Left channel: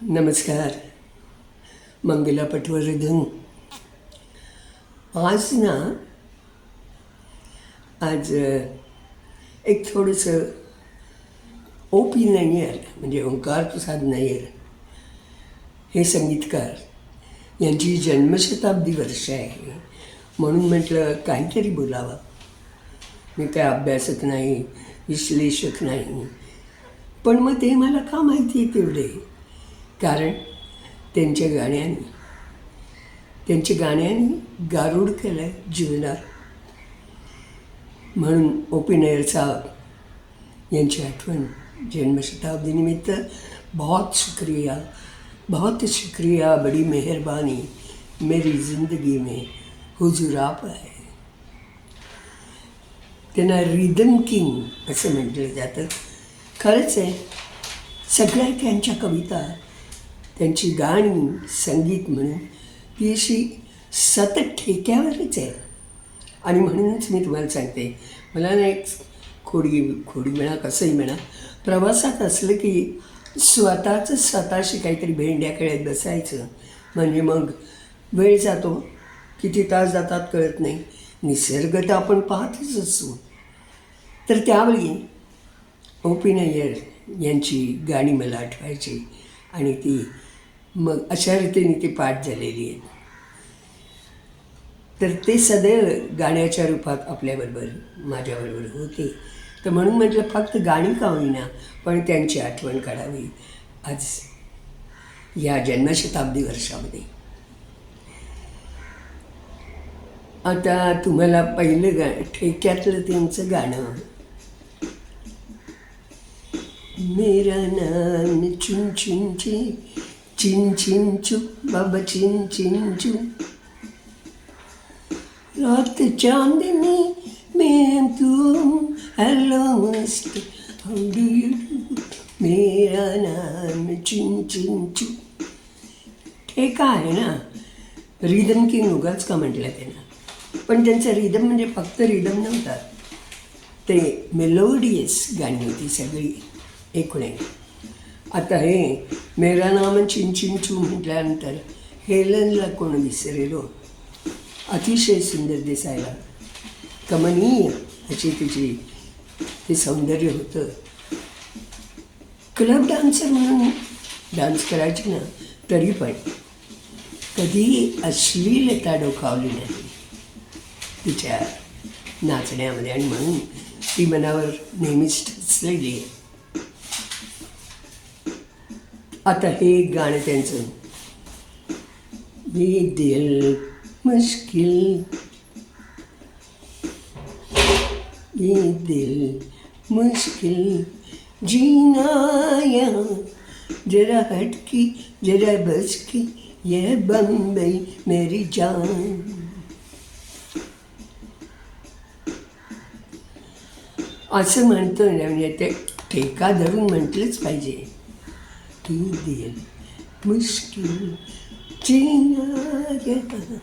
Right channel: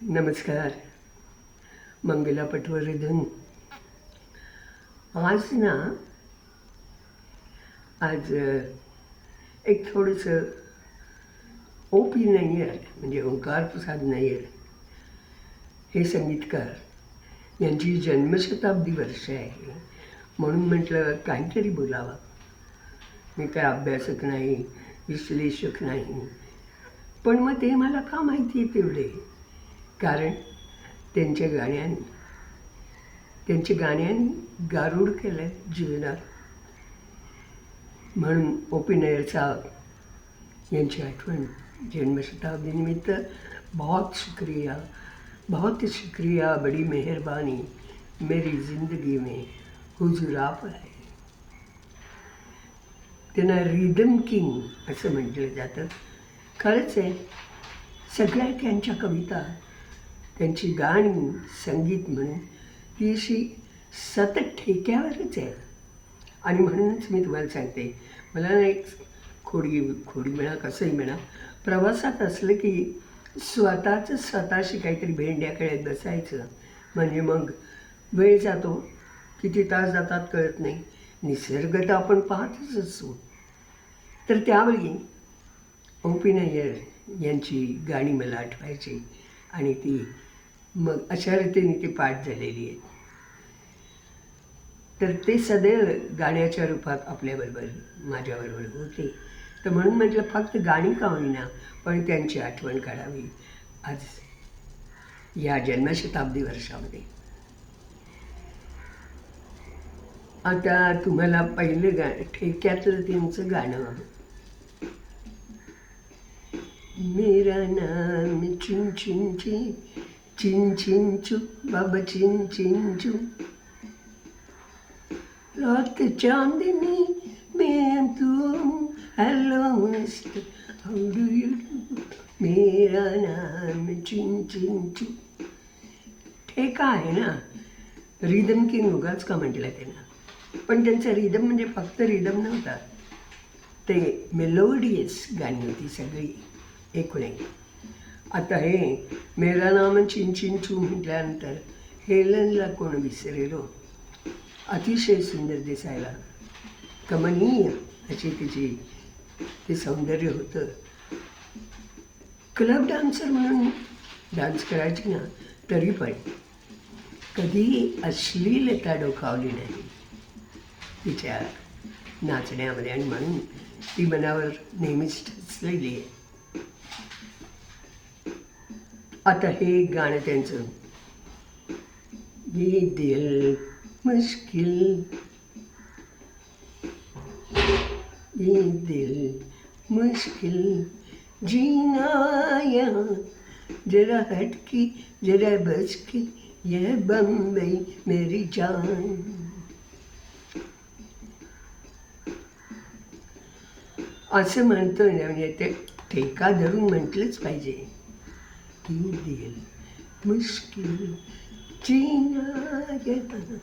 नमस्कार. मंगला पटवर्धन. आज एक थोडंसं ओ.पी. नय्यर म्हणजे ओंकार प्रसाद नय्यर हे संगीतकार यांची जन्मशताब्दी वर्ष आहे म्हणून म्हटलं काहीतरी बोलावं. मी काय अभ्यासक नाही, विश्लेषक नाही, पण मग ते मला का माहिती आहे तेवढे, कारण त्यांच्या गाण्यांनी गारुड केलं आहे जीवनात. म्हणून ओ.पी. नय्यर साहब यांची आठवण जन्मशताब्दीनिमित्त बहुत शुक्रिया, बड़ी मेहरबानी, मेरी जिंदगी में हुजूर आप आहे. त्यांना रिदम किंग असं म्हटलं जातं. खरंच आहे, सगळ्या त्यांच्या कविता, त्यांची गाणी, संगीत म्हणून ती अशी सतत ठेक्यावरच आहे. आणि म्हणूनच मी तुम्हाला सांगते, मला ना एक खोडी म्हणा, कसंही म्हणा, प्रवासात असलं की स्वतःशी काहीतरी भेंड्या खेळत बसायचं. म्हणजे मग वेळ जातो, किती तास जातात कळत नाही. निसर्ग तर आपण पाहतच असतो. तर त्यावेळी ओ.पी. नय्यर यांची गाणी मला आठवायची आणि ती मग अशा रीतीने ती पाठ झालेली आहेत. तर ते सदैव गाण्याच्या रूपात आपल्याबरोबर, माझ्याबरोबर होते. तर म्हणून म्हटलं फक्त गाणी का होईना, पण त्यांची आठवण काढावी आज या जन्मशताब्दी वर्षामध्ये. आता तुम्हाला पहिलं ठेक्यातलं त्यांचं गाणं, मेरा नाम चिन चिन चिन चिन चू बाबा चिन चिन चू, रात चांदनी में तू, hello mister how do you do, मेरा नाम चिन चिन चू. ठेका आहे ना, रिदम किंग उगाच का म्हटलं त्यांना, पण त्यांचा रिदम म्हणजे फक्त रिदम नव्हता, ते मेलोडियस गाणी होती सगळी एकूण एक. आता हे मेरा नाम चिन चिन चू म्हटल्यानंतर हेलनला कोण विसरेलो. अतिशय सुंदर दिसायला, कमनीय अशी तिची ते सौंदर्य होतं. क्लब डान्सर म्हणून डान्स करायची ना, तरी पण कधी अश्लीलता डोकावली नाही तिच्या नाचण्यामध्ये, आणि म्हणून ती मनावर नेहमीच ठसलेली आहे. आता हे गाणं त्यांचं, ये दिल मुश्किल, ये दिल मुश्किल जीना यहाँ, जरा हटकी जरा बचकी, ये बम्बई मेरी जान. असं म्हणतो ना, म्हणजे ते ठेका धरून म्हटलंच पाहिजे की दिल मुश्किल जीना यहाँ,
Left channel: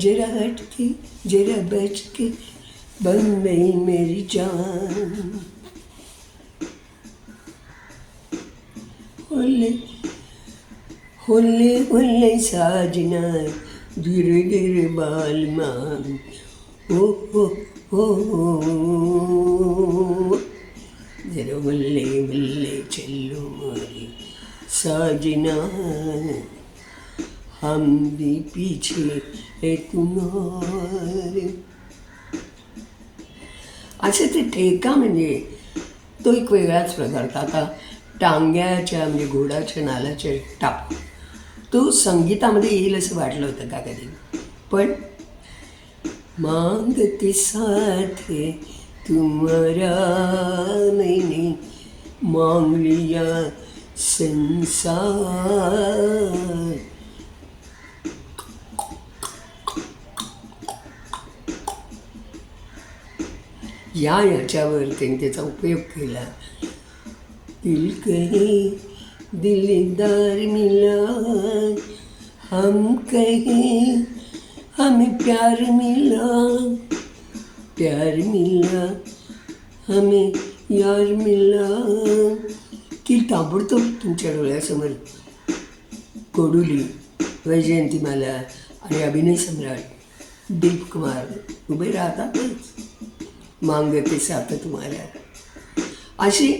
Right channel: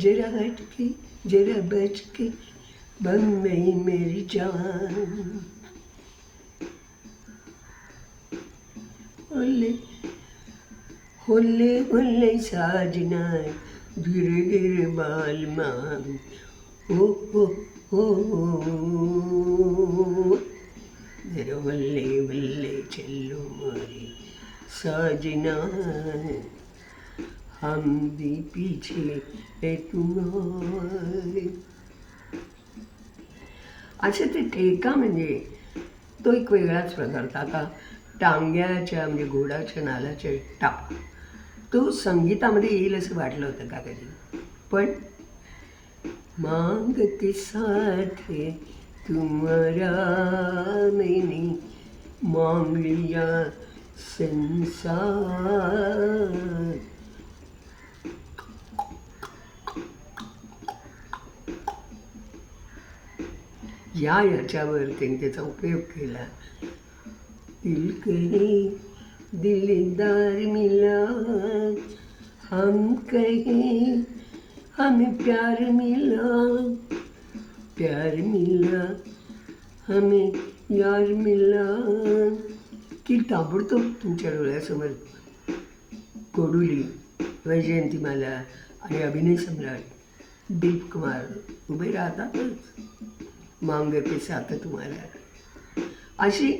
जरा हटके जरा बचके, बम्बई मेरी जान. होले होले होले साजना, धीरे धीरे बालमा, हो हो हो जरा होले होले चलो मारी साजना, हम भी पीछे है तुम्हारे. असे ते ठेका म्हणजे तो एक वेगळाच प्रकार. आता टांग्याच्या म्हणजे घोडाच्या नालाच्या टाप, तो संगीतामध्ये येईल असं वाटलं होतं का कधी, पण मांग के साथ तुम्हारा मैंने मांग लिया संसार. याच्यावर त्यांनी त्याचा उपयोग केला. दिल कहे दिलदार मिला, हम कहे हमें प्यार मिला, हमें यार मिला, की ताबडतोब तुमच्या डोळ्यासमोर कोडुली, वैजयंतीमाला आणि अभिनय सम्राट दिलीप कुमार उभे राहतातच, मांग के साथ तुम्हाला, अशी.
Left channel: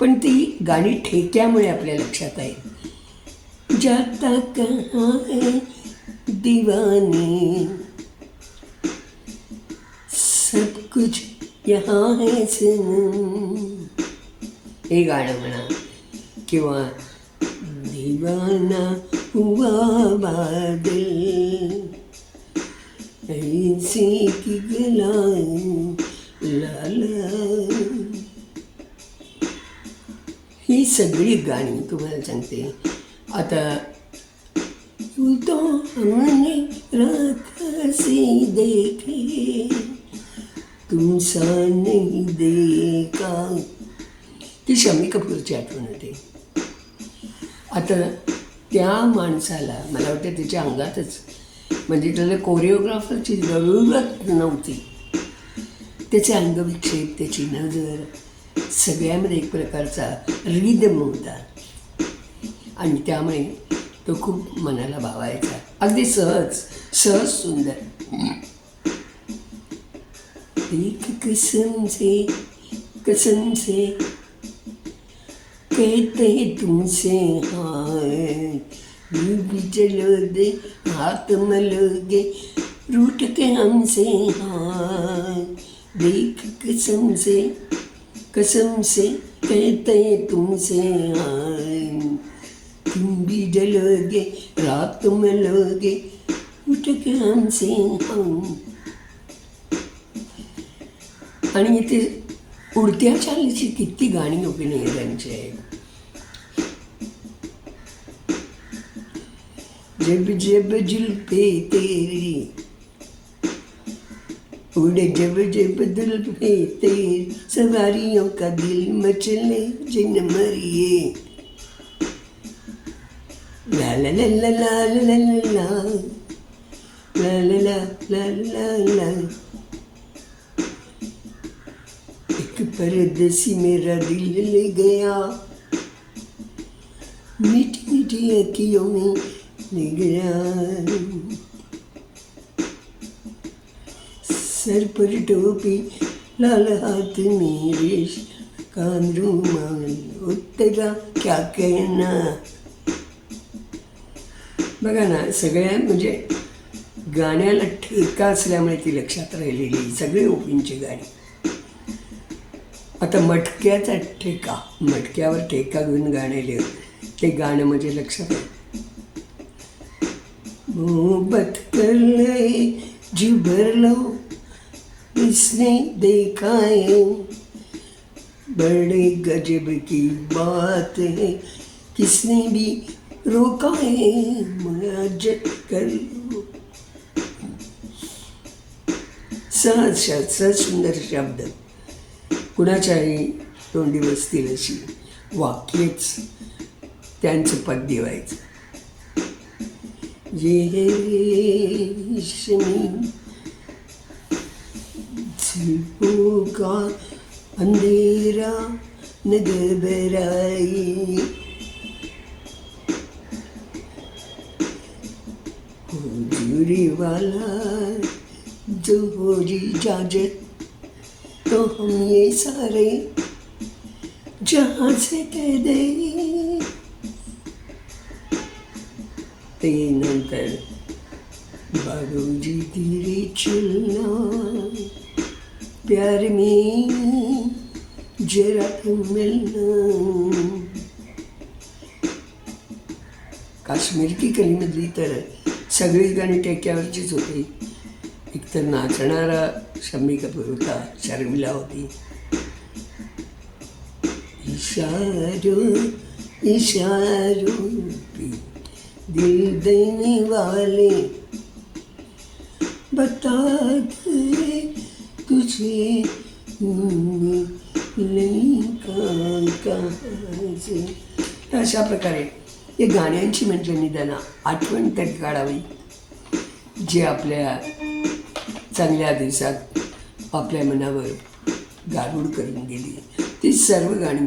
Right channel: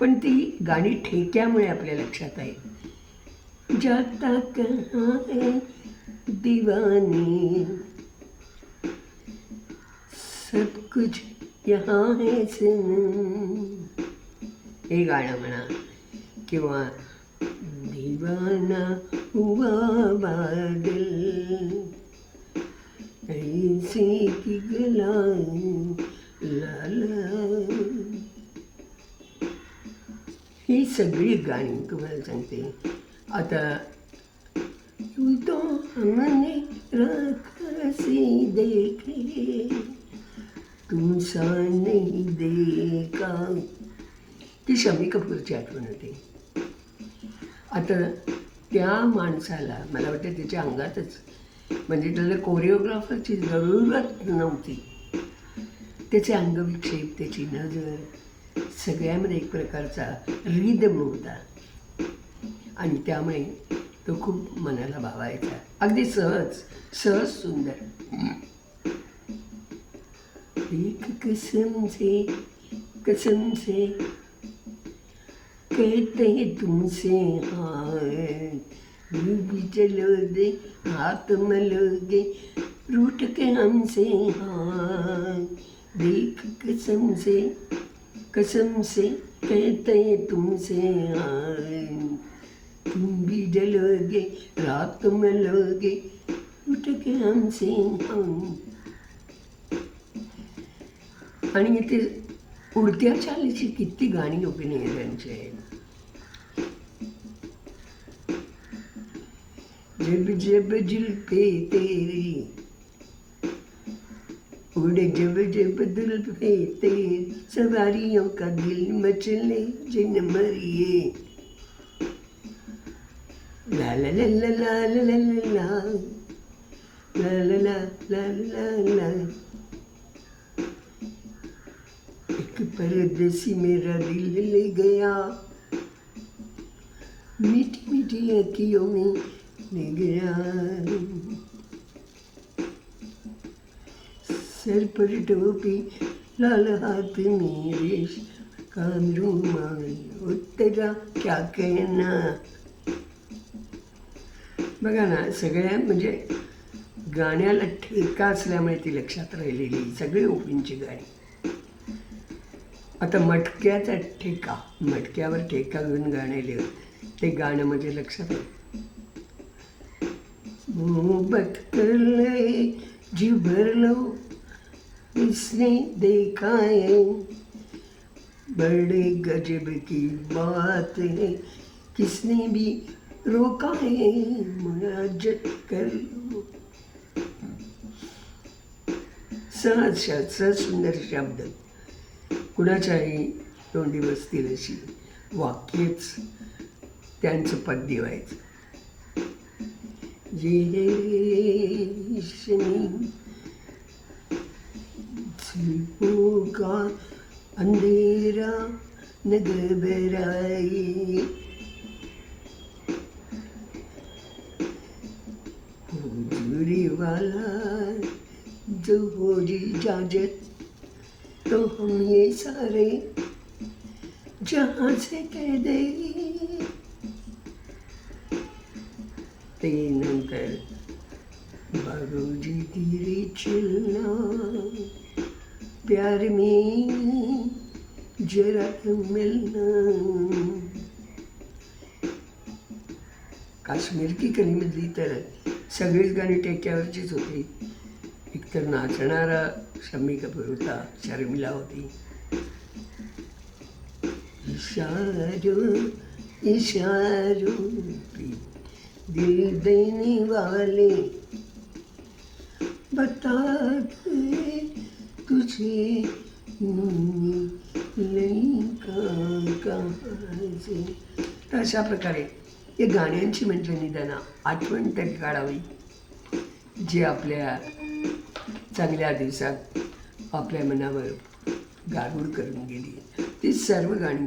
पण ती गाणी ठेक्यामुळे आपल्या लक्षात आहे. जाता कहाँ है दीवाने, सब कुछ यहाँ है सनम, हे गाणं म्हणा. किंवा दीवाना हुआ बादल, ऐसे की गलाएं लाला, ही सगळी गाणी तुम्हाला सांगते. आता तू तो हमने रात से देखे, तुम सा नहीं देखा, ती शम्मी कपूरची आठवण होते. आता त्या माणसाला मला वाटतं त्याच्या अंगातच, म्हणजे त्याला कोरिओग्राफरची जरूरत नव्हती. त्याचे अंगविक्षेप, त्याची नजर, सगळ्यामध्ये एक प्रकारचा रिदम होता आणि त्यामुळे तो खूप मनाला भावायचा. अगदी सहज सहज सुंदर. एक कसम से कहते तुमसे हाय, यूं भी चलोगे हाथ मलोगे रूठ के हमसे हाय, देख कसम से कहते तुमसे हाय, तुम भी जलोगे रात मलोगे रूठ के हमसे हाय. आणि इथे उडत्या चालीची किती गाणी अभिनयांची आहेत. जब जब जुल्फे तेरी उड़े, जब जब जुल्फे तेरी, सवारियों का दिल मचले जिन मरिए, ला ला ला ला ला ला ला ला ला ला ला ला ला. एक परदेसी मेरा दिल ले गया, मीठी मीठी अखियों में ले गया, सर पर टोपी लाल हाथ में रेश का रुमाल, तेरा क्या कहना. बघा ना, सगळ्या म्हणजे गाण्याला ठेका असल्यामुळे ती लक्षात राहिलेली सगळी ओपींची गाणी. आता मटक्याचा ठेका, मटक्यावर ठेका घेऊन गाणे ते गाणं म्हणजे लक्षात आहे. मोहब्बत कर ले जी भर लो, इसने देखा है बड़े गजब की बात है, किसने भी रोका है मुराजत कर लो. सहज सुंदर शब्द, कुणाच्याही तोंडी बसतील अशी वाक्यच त्यांचं पद्य व्हायचं. ये रेशमी जुल्फों का अंधेरा न घबराए, हुजूरी वाला जो हो इजाजत, तो हम ये सारे जहाँ से कह दे. ते नंतर बाबूजी धीरे चलना, प्यार में जरा मिलना. काश्मीर की कलीमधली तर सगळीच गाणी टेक्यावरचीच होती. एकतर नाचणारा शम्मी कपूर होता, शर्मिला होती. इशारों इशारों पे दिल देने वाले बता दे तुझे कहाँ से. अशा प्रकारे हे गाण्यांची म्हणजे निदान आठवण तरी काढावी, जे आपल्या चांगल्या दिवसात आपल्या मनावर गारूड करून गेली. ती सर्व गाणी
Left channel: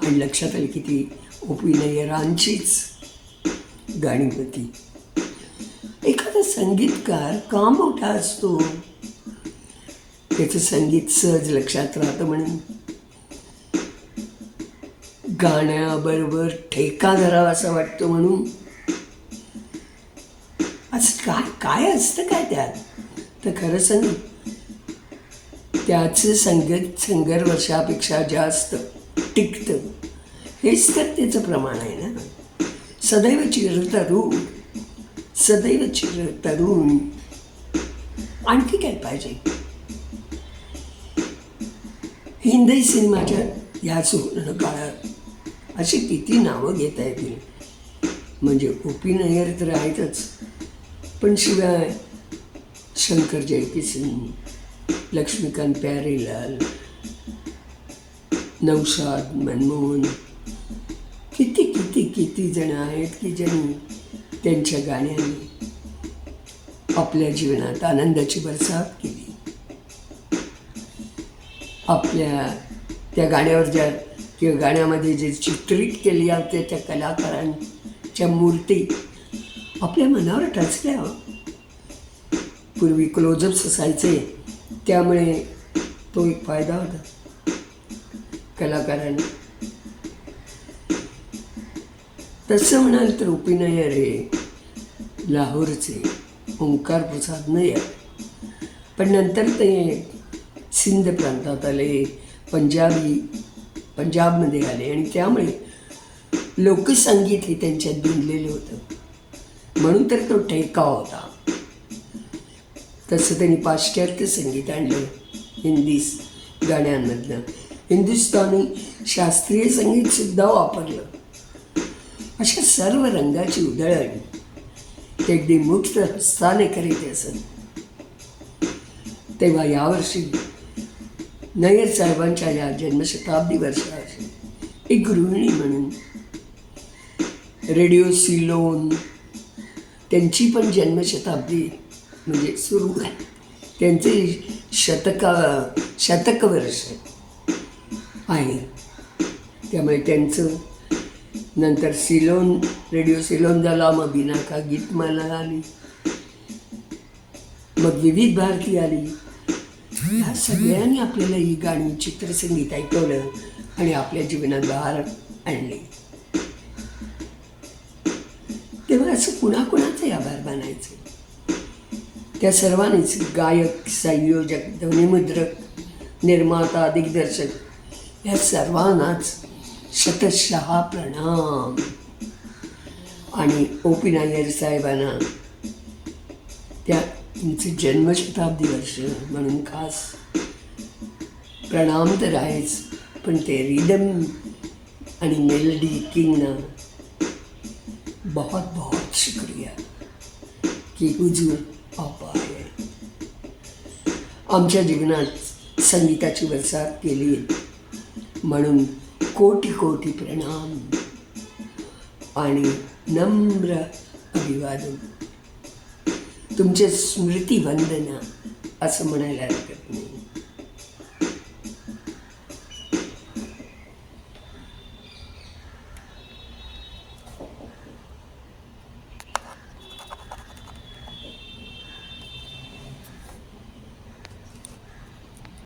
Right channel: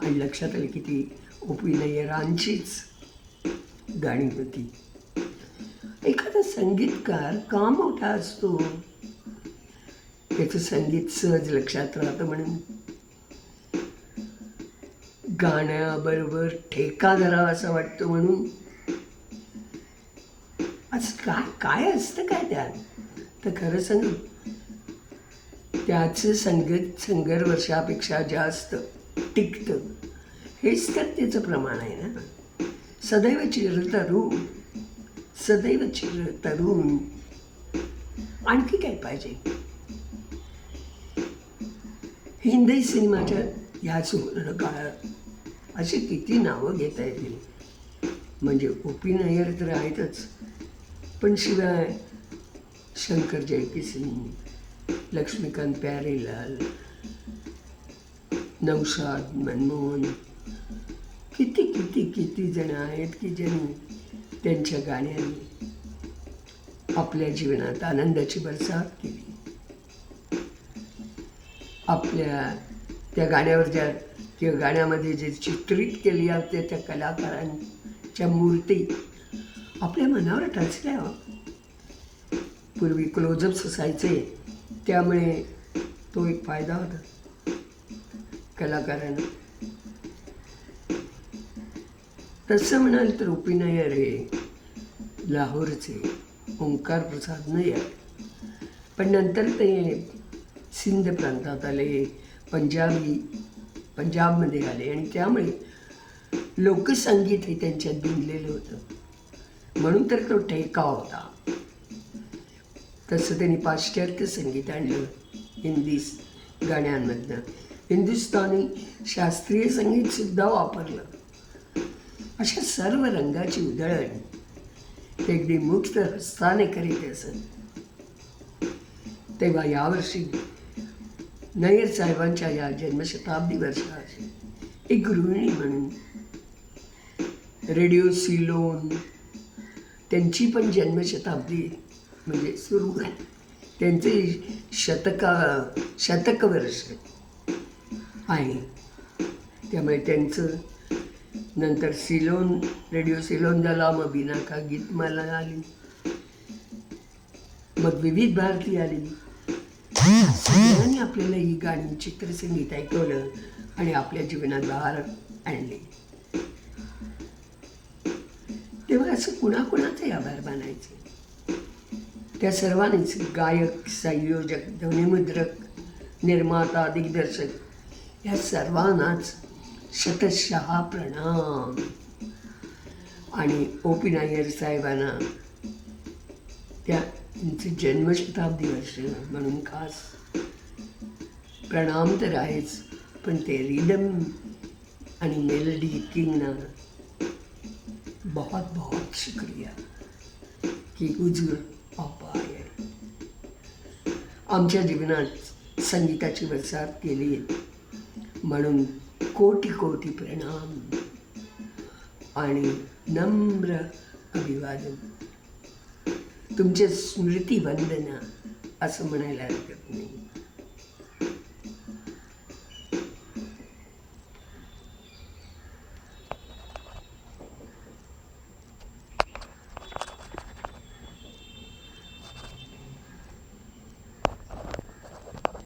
आणि लक्षात आली की ती अभिनयरांचीच गाणी होती. एखादा संगीतकार का मोठा असतो? त्याचं संगीत सहज लक्षात राहतं म्हणून. गाण्याबरोबर ठेका धरावा असं वाटतं म्हणून. असं काय काय असतं काय त्यात? तर खरं सांग, त्याचं संगीत वर्षापेक्षा जास्त टिकतं. हेच तर त्याचं प्रमाण आहे ना. सदैव चिरतरुण, सदैव चिरतरुण. आणखी काय पाहिजे? हिंदी सिनेमाच्या या सुवर्ण काळात अशी किती नावं घेता येतील. म्हणजे ओ.पी. नय्यर तर आहेतच, पण शिवाय शंकर जयकिसन, लक्ष्मीकांत प्यारेलाल, नौशाद मनमोहन, किती किती किती जण आहेत की ज्यांनी त्यांच्या गाण्यांनी आपल्या जीवनात आनंदाची बरसात केली. आपल्या त्या गाण्यावर ज्या किंवा गाण्यामध्ये जे चित्रित केली जाते त्या कलाकारांच्या मूर्ती आपल्या मनावर टचल्या. पूर्वी क्लोजअप्स असायचे, त्यामुळे तो एक फायदा होता कलाकारांना. तसं म्हणाल तर ओ.पी. नय्यर हे लाहोरचे ओंकार प्रसाद नय्यर, पण नंतर ते सिंध प्रांतात आले, पंजाबमध्ये आले आणि त्यामुळे लोकसंगीत हे त्यांच्यात भिनलेलं होतं. म्हणून तर तो ठेका होता. तसं त्यांनी पाश्चात्य संगीत आणलं हिंदी गाण्यांमधनं. हिंदुस्थानी शास्त्रीय संगीतसुद्धा वापरलं. अशा सर्व रंगाची उधळण ते अगदी मुक्त हस्ताने करीत असत. तेव्हा यावर्षी नय्यर साहेबांच्या या जन्मशताब्दी वर्षाची एक गृहिणी म्हणून रेडिओ सिलोन त्यांची पण जन्मशताब्दी म्हणजे सुरू आहे. त्यांचे शतक वर्ष आहे. त्यामुळे त्यांचं नंतर सिलोन, रेडिओ सिलोन झाला, मग बिनाका गीतमाला आली, मग विविध भारती आली. सगळ्यांनी आपल्याला ही गाणी चित्रसंगीत ऐकवलं आणि आपल्या जीवनात बहार आणले. तेव्हा असं कुणाकुणाचे आभार मानायचे? त्या सर्वांनीच गायक, संयोजक, ध्वनिमुद्रक, निर्माता, दिग्दर्शक या सर्वांनाच शतशः प्रणाम. आणि ओ.पी. नय्यर साहेबांना त्या तुमचे जन्मशताब्दी वर्ष म्हणून खास प्रणाम तर आहेच, पण ते रिदम आणि मेलडी किंगना बहुत बहुत शुक्रिया की हुजूर आप आए. आमच्या जीवनात संगीताची बरसात केली म्हणून कोटी कोटी प्रणाम आणि नम्र अभिवादन. तुमचे स्मृती वंदना असं म्हणायला हरकत